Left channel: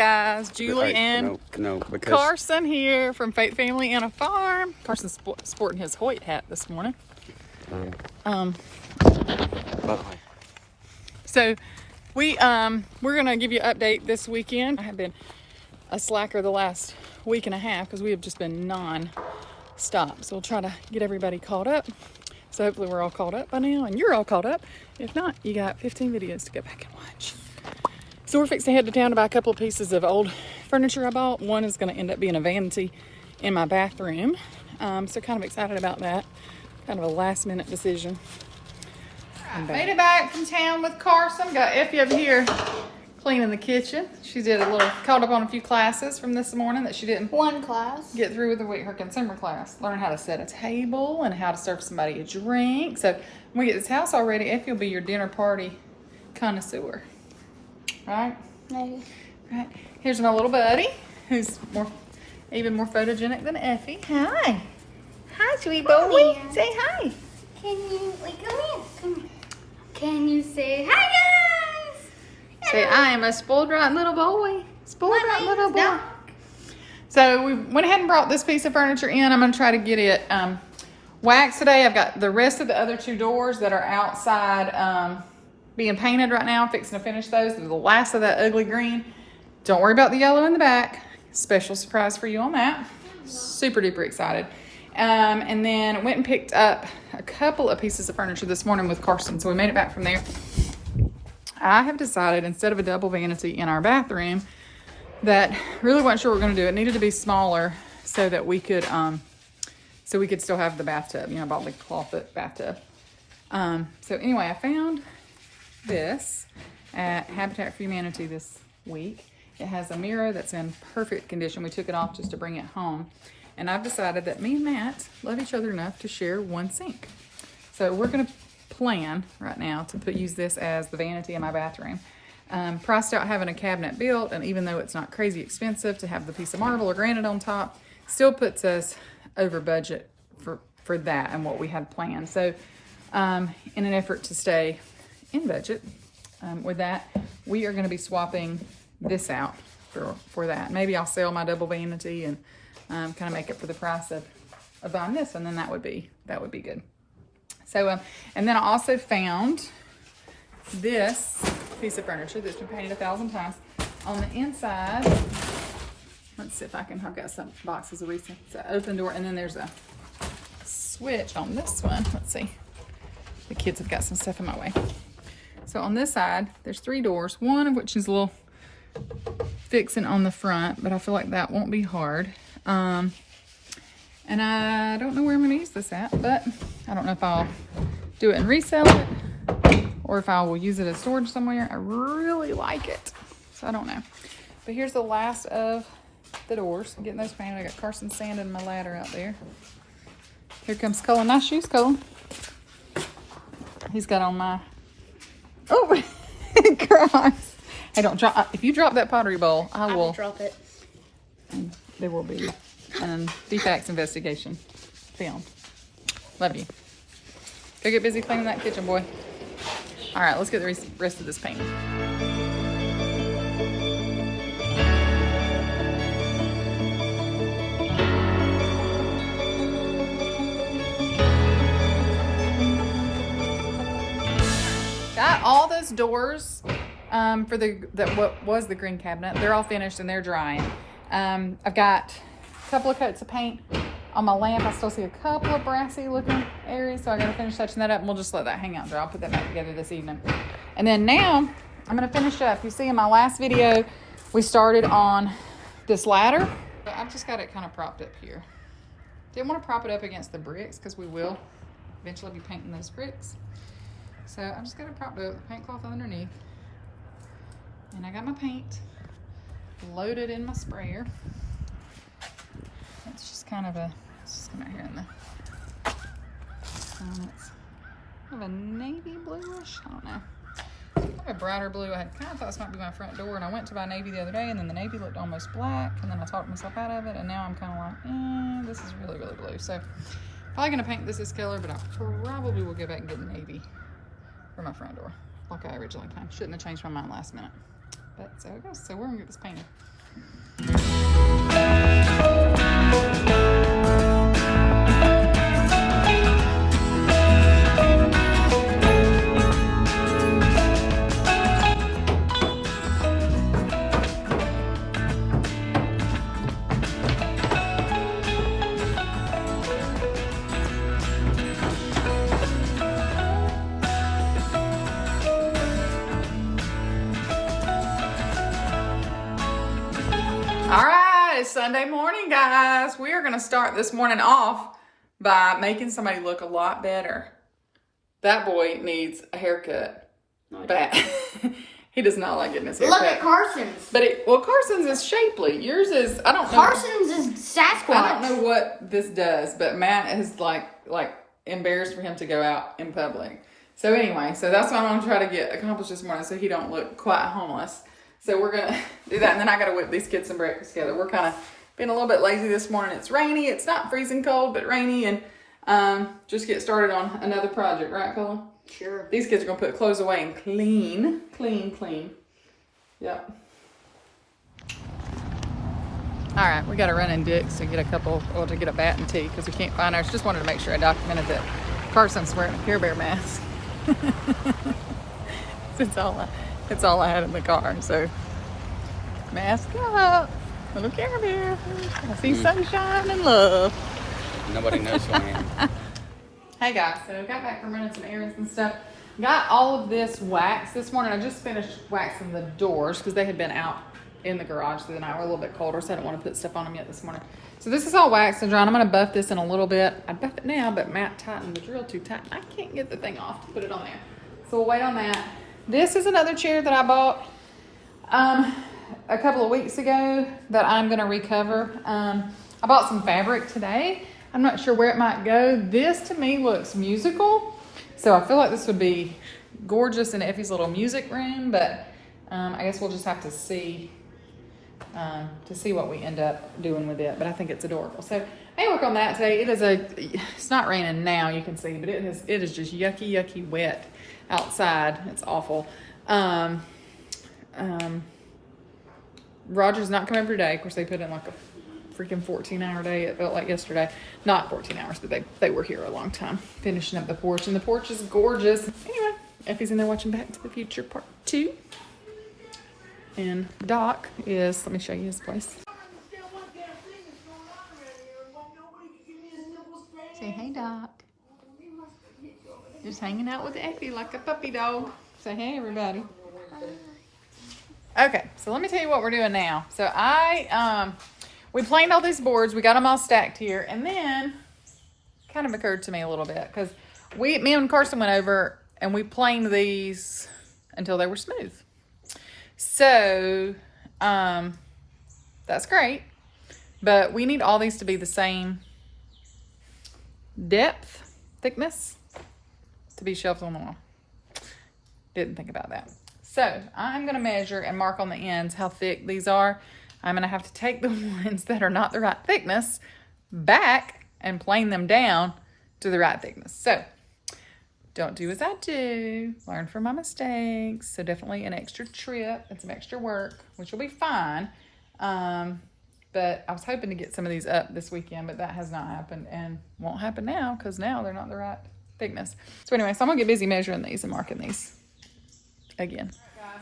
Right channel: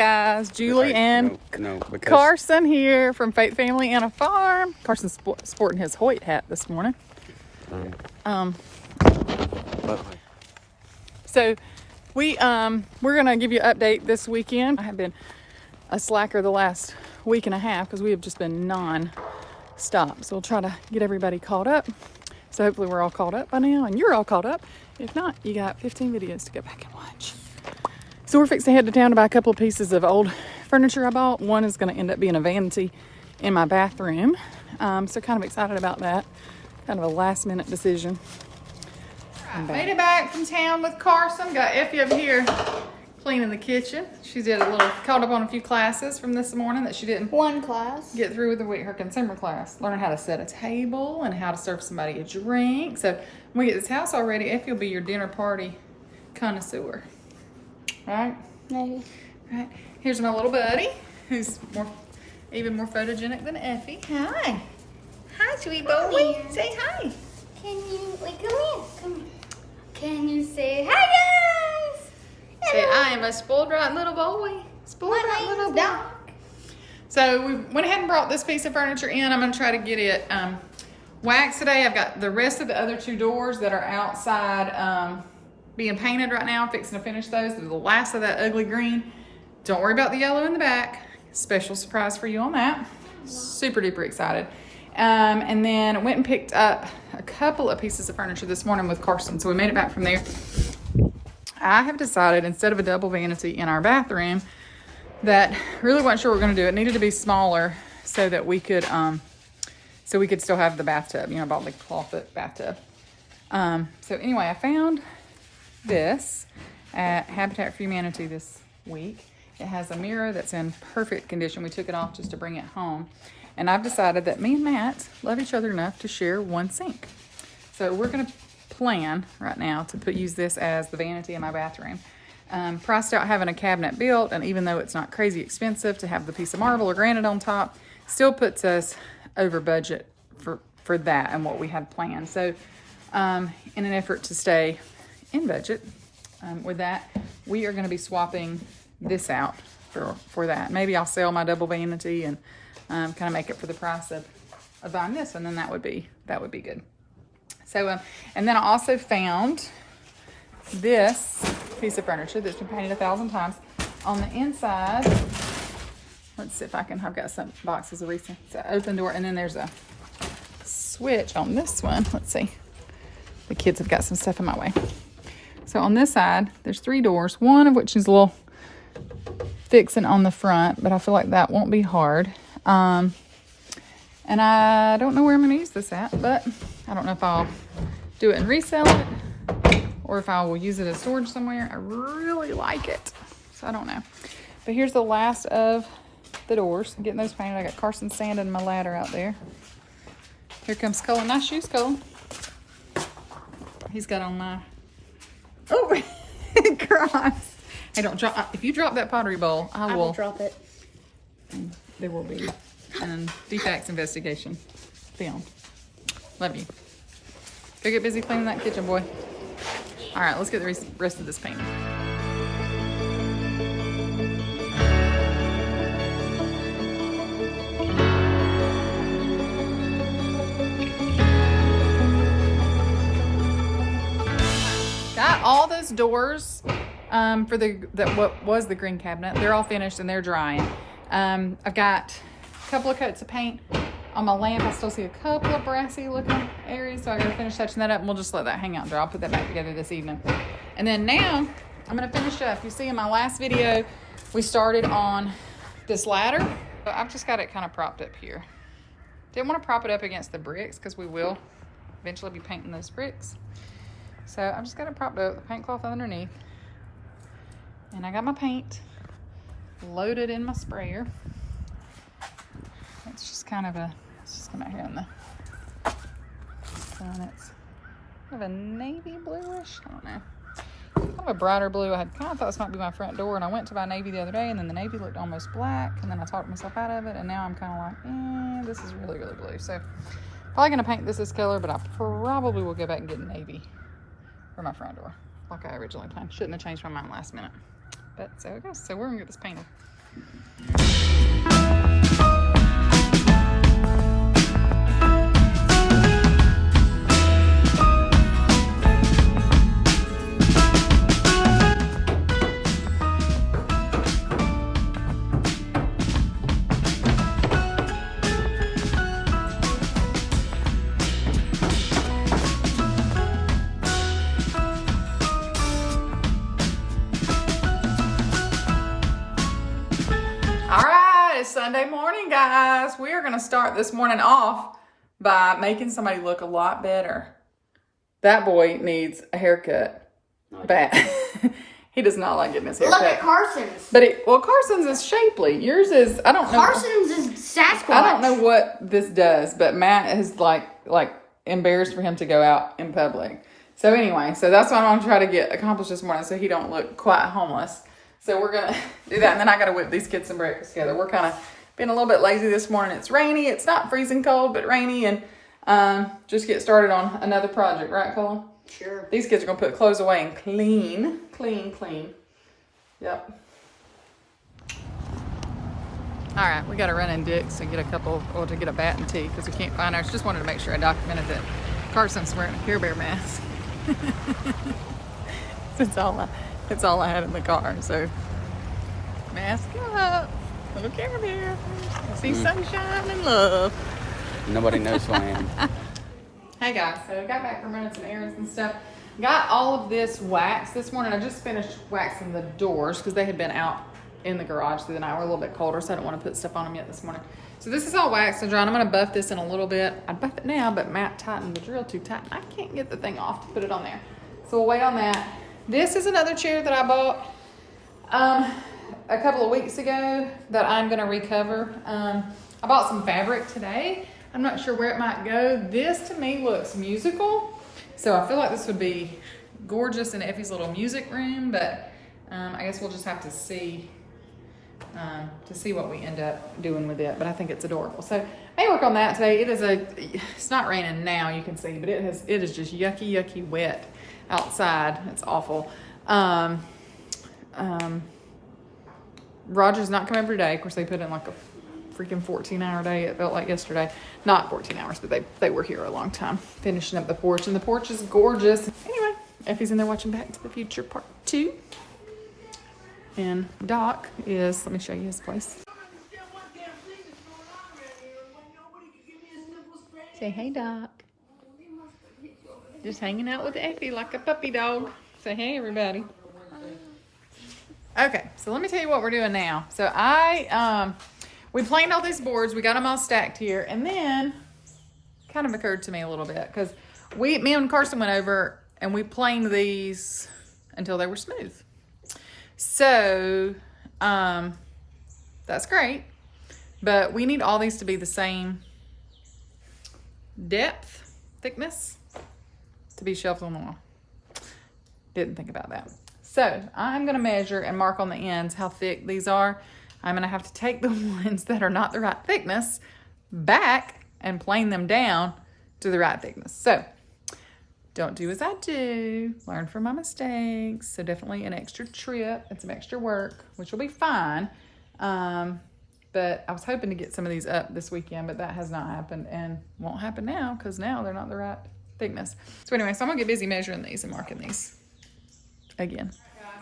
guys, Julie and Carson here from Faith Family and a Farm. Carson's sporting his Hoyt hat this morning. So we're gonna give you an update this weekend. I have been a slacker the last week and a half because we have just been non-stop. So we'll try to get everybody caught up. So hopefully we're all caught up by now and you're all caught up. If not, you got 15 videos to go back and watch. So we're fixing to head to town to buy a couple of pieces of old furniture I bought. One is going to end up being a vanity in my bathroom. So kind of excited about that. Kind of a last minute decision. Right, made it back from town with Carson. Got Effie over here cleaning the kitchen. She did caught up on a few classes from this morning that she didn't get through with her consumer class. Learn how to set a table and how to serve somebody a drink. So when we get this house all ready, Effie will be your dinner party connoisseur. Right? Maybe. Right. Here's my little buddy, who's even more photogenic than Effie. Hi. Hi, sweet boy. Say hi. Can you, come here. Come here. Can you say hi, guys? Say, I am a spoiled rotten little boy. Spoiled rotten little boy. So we went ahead and brought this piece of furniture in. I'm going to try to get it waxed today. I've got the rest of the other two doors that are outside being painted right now. I'm fixing to finish those. They're the last of that ugly green. Don't worry about the yellow in the back. Special surprise for you on that. Super duper excited. And then went and picked up a couple of pieces of furniture this morning with Carson. So we made it back from there. I have decided instead of a double vanity in our bathroom that really wasn't sure what we're going to do. It needed to be smaller so that we could still have the bathtub. You know, I bought the clawfoot bathtub. So anyway, I found this at Habitat for Humanity this week. It has a mirror that's in perfect condition. We took it off just to bring it home. And I've decided that me and Matt love each other enough to share one sink. So we're going to plan right now to use this as the vanity in my bathroom. Priced out having a cabinet built, and even though it's not crazy expensive to have the piece of marble or granite on top, still puts us over budget for that and what we had planned. So in an effort to stay in budget with that, we are going to be swapping this out for that. Maybe I'll sell my double vanity and kind of make it for the price of buying this, and then that would be good. So and then I also found this piece of furniture that's been painted 1,000 times. On the inside, let's see if I've got some boxes of recent. It's an open door, and then there's a switch on this one. Let's see. The kids have got some stuff in my way. So on this side, there's 3 doors, one of which is a little fixing on the front, but I feel like that won't be hard. And I don't know where I'm going to use this at, but I don't know if I'll do it and resell it or if I will use it as storage somewhere. I really like it, so I don't know. But here's the last of the doors. I'm getting those painted. I got Carson sanding my ladder out there. Here comes Cullen. Nice shoes, Cullen. He's got on my... Oh, Christ. Hey, don't drop. If you drop that pottery bowl, I will drop it. There will be defects investigation filmed. Love you. Go get busy cleaning that kitchen, boy. All right, let's get the rest of this painted. Got all those doors for what was the green cabinet. They're all finished and they're drying. I've got a couple of coats of paint on my lamp. I still see a couple of brassy looking areas, so I gotta finish touching that up, and we'll just let that hang out there. I'll put that back together this evening. And then now I'm gonna finish up. You see in my last video, we started on this ladder. So I've just got it kind of propped up here. Didn't want to prop it up against the bricks because we will eventually be painting those bricks. So I'm just gonna prop it up, the paint cloth underneath. And I got my paint loaded in my sprayer. It's just kind of let's just come out here in the sun. It's kind of a navy bluish, I don't know. Kind of a brighter blue. I had kind of thought this might be my front door, and I went to buy navy the other day, and then the navy looked almost black, and then I talked myself out of it, and now I'm kind of like, this is really, really blue. So probably gonna paint this color, but I probably will go back and get navy for my front door, like I originally planned. Shouldn't have changed my mind last minute. But so it goes. So we're gonna get this painted. All right, it's Sunday morning, guys. We are going to start this morning off by making somebody look a lot better. That boy needs a haircut. Bad. He does not like getting his haircut. Look at Carson's. But Carson's is shapely. Yours is, I don't know. Carson's is Sasquatch. I don't know what this does, but Matt is like embarrassed for him to go out in public. So anyway, so that's what I'm going to try to get accomplished this morning so he don't look quite homeless. So we're going to do that, and then I got to whip these kids some breakfast together. We're kind of being a little bit lazy this morning. It's rainy. It's not freezing cold, but rainy, and just get started on another project. Right, Colin? Sure. These kids are going to put clothes away and clean. Yep. All right, we got to run in Dick's to get to get a bat and tea because we can't find ours. Just wanted to make sure I documented that Carson's wearing a Care Bear mask. It's all I had in the car, so mask up. Little Care Bear. I see sunshine and love. Nobody knows who I am. Hey guys, so got back from running some errands and stuff. Got all of this wax this morning. I just finished waxing the doors because they had been out in the garage through the night. We're a little bit colder, so I don't want to put stuff on them yet this morning. So this is all waxed and dry. I'm going to buff this in a little bit. I'd buff it now, but Matt tightened the drill too tight. I can't get the thing off to put it on there. So we'll wait on that. This is another chair that I bought a couple of weeks ago that I'm going to recover. I bought some fabric today. I'm not sure where it might go. This to me looks musical. So I feel like this would be gorgeous in Effie's little music room, but I guess we'll just have to see what we end up doing with it. But I think it's adorable. So I work on that today. It's not raining now, you can see, but it is just yucky wet outside. It's awful. Roger's not coming every day. Of course, they put in like a freaking 14-hour day. It felt like yesterday. Not 14 hours, but they were here a long time finishing up the porch, and the porch is gorgeous. Anyway, Effie's in there watching Back to the Future Part 2. And Doc is, let me show you his place. Say hey, Doc. Just hanging out with Effie like a puppy dog. Say hey, everybody. Okay, so let me tell you what we're doing now. So we planed all these boards. We got them all stacked here. And then kind of occurred to me a little bit because me and Carson went over and we planed these until they were smooth. So that's great. But we need all these to be the same depth, thickness to be shelved on the wall. Didn't think about that. So I'm going to measure and mark on the ends how thick these are. I'm going to have to take the ones that are not the right thickness back and plane them down to the right thickness. So don't do as I do. Learn from my mistakes. So definitely an extra trip and some extra work, which will be fine. But I was hoping to get some of these up this weekend, but that has not happened and won't happen now because now they're not the right thickness. So anyway, so I'm going to get busy measuring these and marking these again.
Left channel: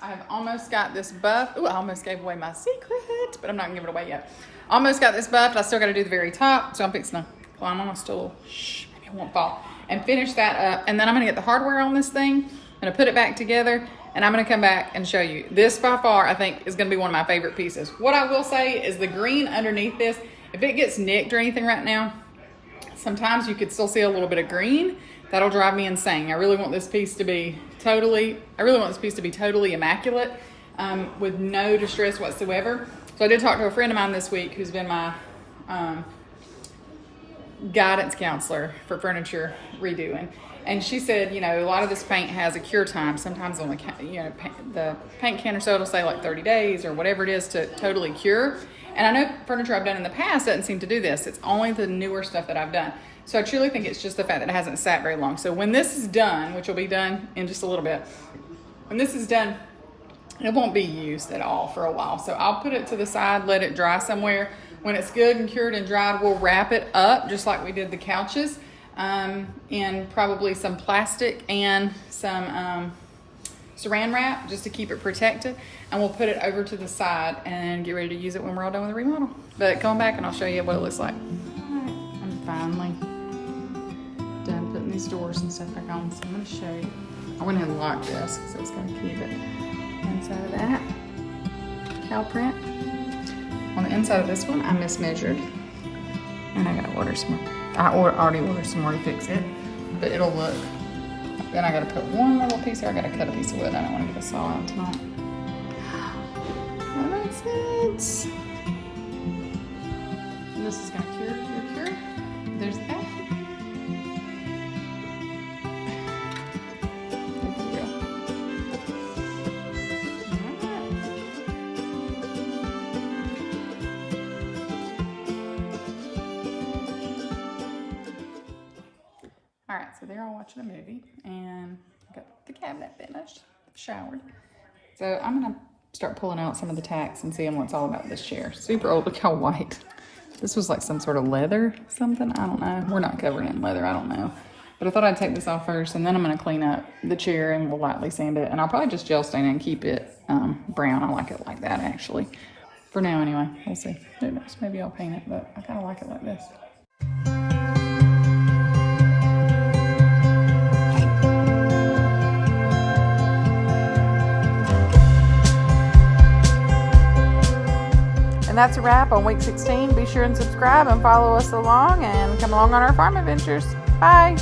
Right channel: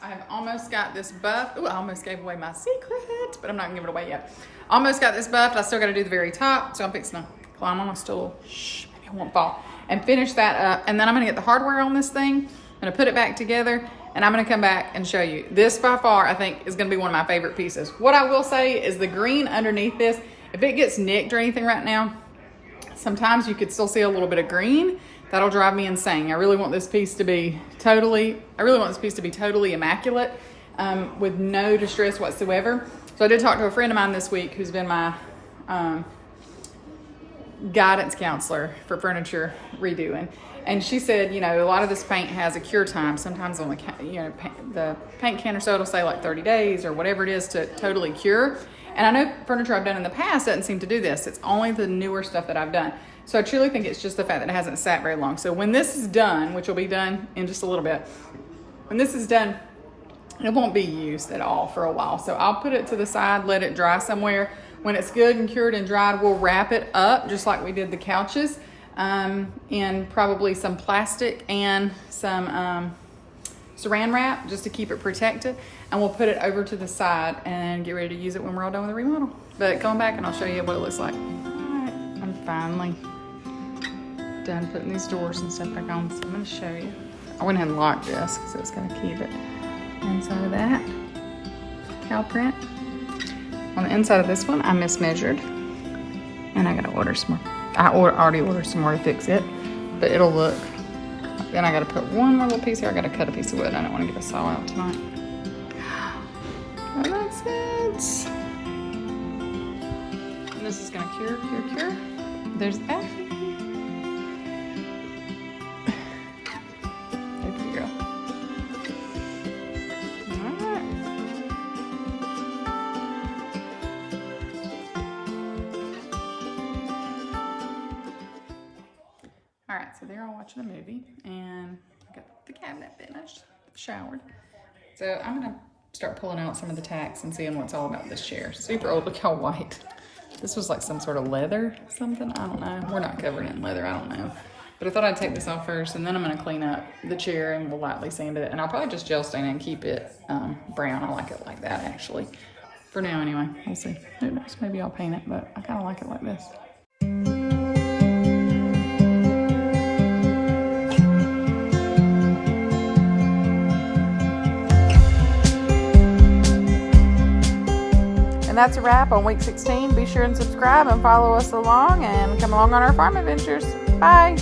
I have almost got this buffed. Ooh, I almost gave away my secret, but I'm not gonna give it away yet. Almost got this buffed. I still got to do the very top, so I'm fixing to climb on my stool. Shh, maybe I won't fall. And finish that up. And then I'm gonna get the hardware on this thing. I'm gonna put it back together, and I'm gonna come back and show you. This by far, I think, is gonna be one of my favorite pieces. What I will say is the green underneath this, if it gets nicked or anything right now, sometimes you could still see a little bit of green. That'll drive me insane. I really want this piece to be totally immaculate, with no distress whatsoever. So I did talk to a friend of mine this week who's been my guidance counselor for furniture redoing. And she said, a lot of this paint has a cure time. Sometimes on the paint can or so it'll say like 30 days or whatever it is to totally cure. And I know furniture I've done in the past doesn't seem to do this. It's only the newer stuff that I've done. So I truly think it's just the fact that it hasn't sat very long. So when this is done, which will be done in just a little bit, when this is done, It won't be used at all for a while. So I'll put it to the side, let it dry somewhere. When it's good and cured and dried, we'll wrap it up just like we did the couches in probably some plastic and some saran wrap just to keep it protected. And we'll put it over to the side and get ready to use it when we're all done with the remodel. But come back and I'll show you what it looks like. All right, I'm finally done putting these doors and stuff back on. So I'm gonna show you. I went ahead and locked this because it's gonna keep it. Inside of that cow print. On the inside of this one, I mismeasured, and I gotta order some more. I already ordered some more to fix it, but it'll look. Then I gotta put one more little piece here. I gotta cut a piece of wood. I don't want to get a saw out tonight. And that's it. And this is gonna cure. There's that. All right, so they're all watching a movie, and I got the cabinet finished, showered. So I'm gonna start pulling out some of the tacks and seeing what's all about this chair. Super old, look how white. This was like some sort of leather, something, I don't know. We're not covered in leather, I don't know. But I thought I'd take this off first, and then I'm gonna clean up the chair and we'll lightly sand it. And I'll probably just gel stain it and keep it brown. I like it like that, actually. For now, anyway, we'll see. Who knows, maybe I'll paint it, but I kinda like it like this. And that's a wrap on week 16. Be sure and subscribe and follow us along and come along on our farm adventures. Bye.